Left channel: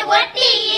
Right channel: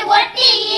in one thing.